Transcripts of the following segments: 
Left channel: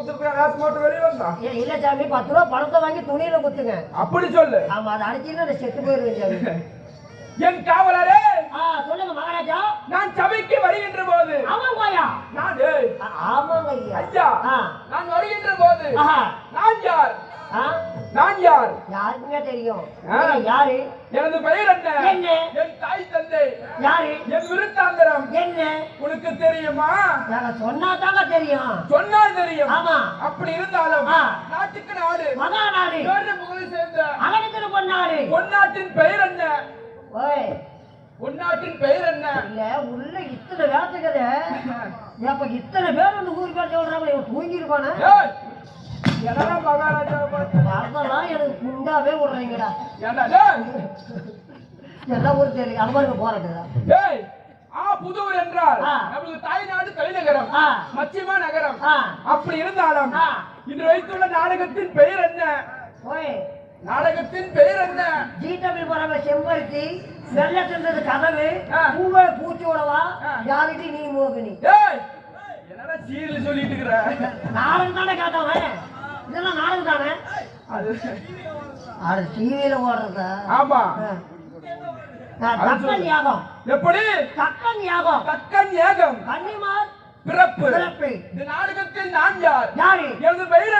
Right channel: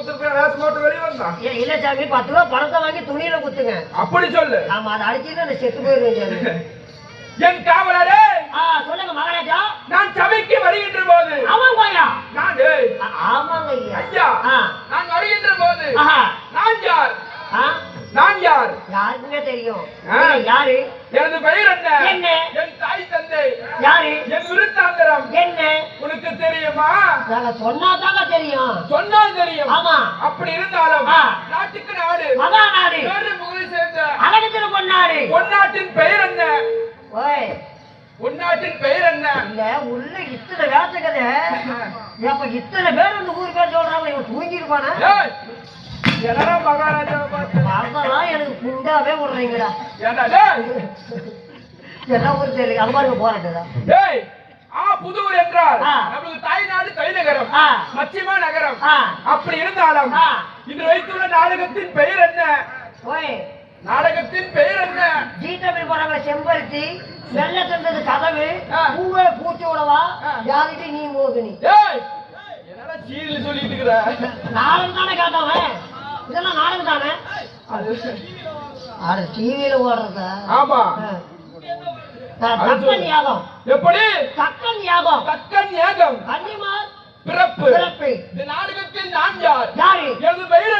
குத்துருக்க வேஷம் போட்டு வெளியே வந்தான் இல்ல சாமி பத்து ரூபா பணத்தை வாங்கி துணியில குத்துங்க. அப்படி சொல்லு. ஆமா அதை அடிச்சுட்டு செத்து போயிருவேன் என் காவலரே! சொல்லுங்க மகாராஜா. நான் சபைக்கு வருகின்ற போது ஆமாங்க ஐயா. நான் ஆமாங்க ஐயா. நான் வருகின்ற போது. நான் யார்? நான் யார்? யாருக்குமே தெரியும். யாரு? எனது பெயர் என்ன? என்ன? என் தாய் தந்தை. யாரு? என் விருத்தாந்தரம். என்ன? உனக்கு தெரியுமா? சொன்னா தாங்க தெரியும். சொன்னால் தெரியும். ஆமா. அப்படி இருந்தாலும். நாட்டுக்கு நாடு. மகா நாடு. வேறு முகலை சேர்ந்த அழகத்துல பொன்னாடு. பொன்னாட்டின் பெயர் என்ன? ஓய். பொன்னாட்டின் பெயர் என்ன? இல்ல உள்ள இத்தனை வேட்டுக்கத அப்ப இத்தனை பேர் இந்த ஊர் பேர் சொல்றாங்க இவன் ஏய், என்னடா மகாராஜாவை பார்த்து எனக்கு குண்டாவே விடுறீங்கடா ஏண்டா டேய்? எல்லாம் ஊர் தெரியும் அது மாதிரி போராட்டதா டேய், ஆ புதூர் என்றால். நமது தாய்நாடு தலைநகரம். மச்சிமா நகரம். அப்படி இருந்தாலும். இன்று வைத்துள்ள நாடகத்தின் பெயர் என்ன ஓய் நாடகத்தின் பெயர் என்ன ஜி தமிழ் படங்கள செம்பருத்தி வெள்ள தந்தது கதவு. பூவே பூச்சி விடவா ஆ. யாருக்கு நீ மோகினி என்னடா சீரியல் சொல்லிட்டு இருக்கிற நாடகம் தானே காத்தவன் இதெல்லாம் நாடகம் தானே? அது டிவியில ஓடுறதா? ஆமா. தக்கன் யாகம். எப்படி? தக்கன் யாகம். தக்கன் ஏகம் கன்னிமார் பிறப்பு. பிறப்பு. இந்த நாடகத்தில் நான் யார்? யாரு? எனது பெயர்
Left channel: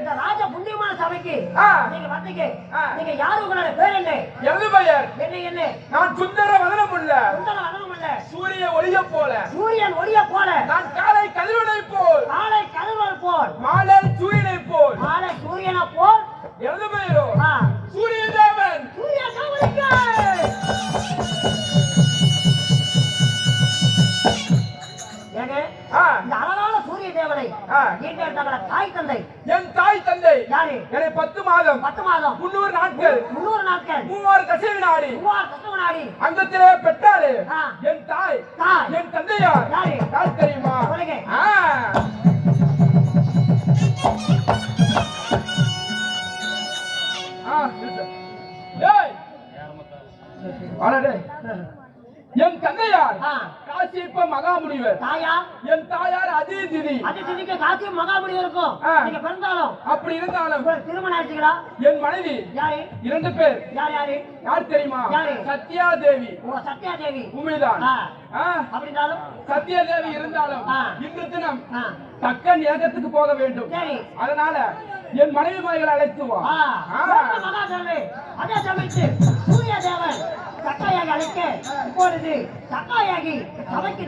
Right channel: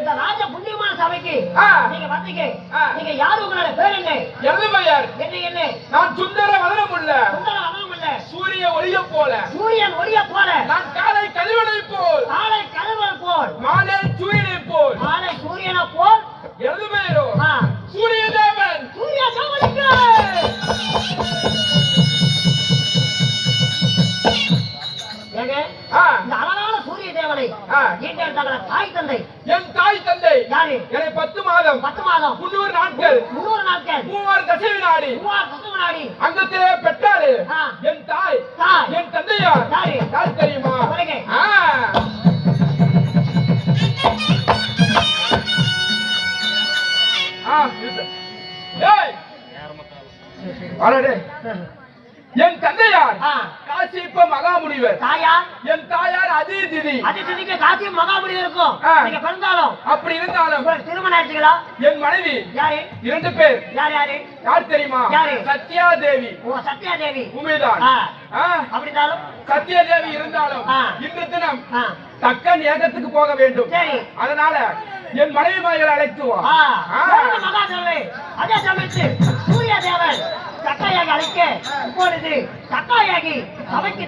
இந்த ராஜ புண்ணியமான சபைக்கு. நீங்க வந்தீங்க. நீங்க யாரு உங்களோட பேர் என்ன? எனது பெயர்? என்ன என்ன? நான் சுந்தர வதனமுள்ள சுந்தரம் அதான் இல்ல சூரிய ஒளிய போல. சூரியன் ஒளிய போல. நான் தாய் தந்தை. என் தாய் தந்தை. யாரு? என்னை பத்து மாதம். பத்து மாதம். முன்னூறு நாட்கள். முன்னூறு நாட்கள். மூவாறு தசை வினாடி மூவார் பத்து வினாடி அங்கத்திலே பெற்றாரு. என் தாய். தாய். என் தந்தையார். யாரு? யார் தெரியுமா? சொல்லுங்க. ஆ. ஏய். டேய். என் தந்தையார். காசிப்ப மகாமுனிவர். தாயார்? என் தாயார் அதிதிதி. அது திதிக்க காசியும் மகாபலி இருக்கும். நீங்க பிறந்தாலும். அப்படி இருந்தாலும் திருமணம் ஆச்சுங்களா என் மனைவி யாரு? இரண்டு பேர். யார் யாரு? யார் தெரியுமா? யாரு? சத்யா தேவி ஓ சத்யா தேவி உண்மைதான் அப்படின்னாலும்? சத்யா தேவி இருந்தாலும். இன்று தினம். தக்கன் ஏகத்துக்கு போக வேண்டும். அதனால என் மனைவி மகளை அழைத்து வா. சொல்லுங்க மகாதேவி அதே சமயத்து சூரிய தேவன் சக்காயாகி அழைக்க இப்பொழுது சக்காயாகி சபைக்கு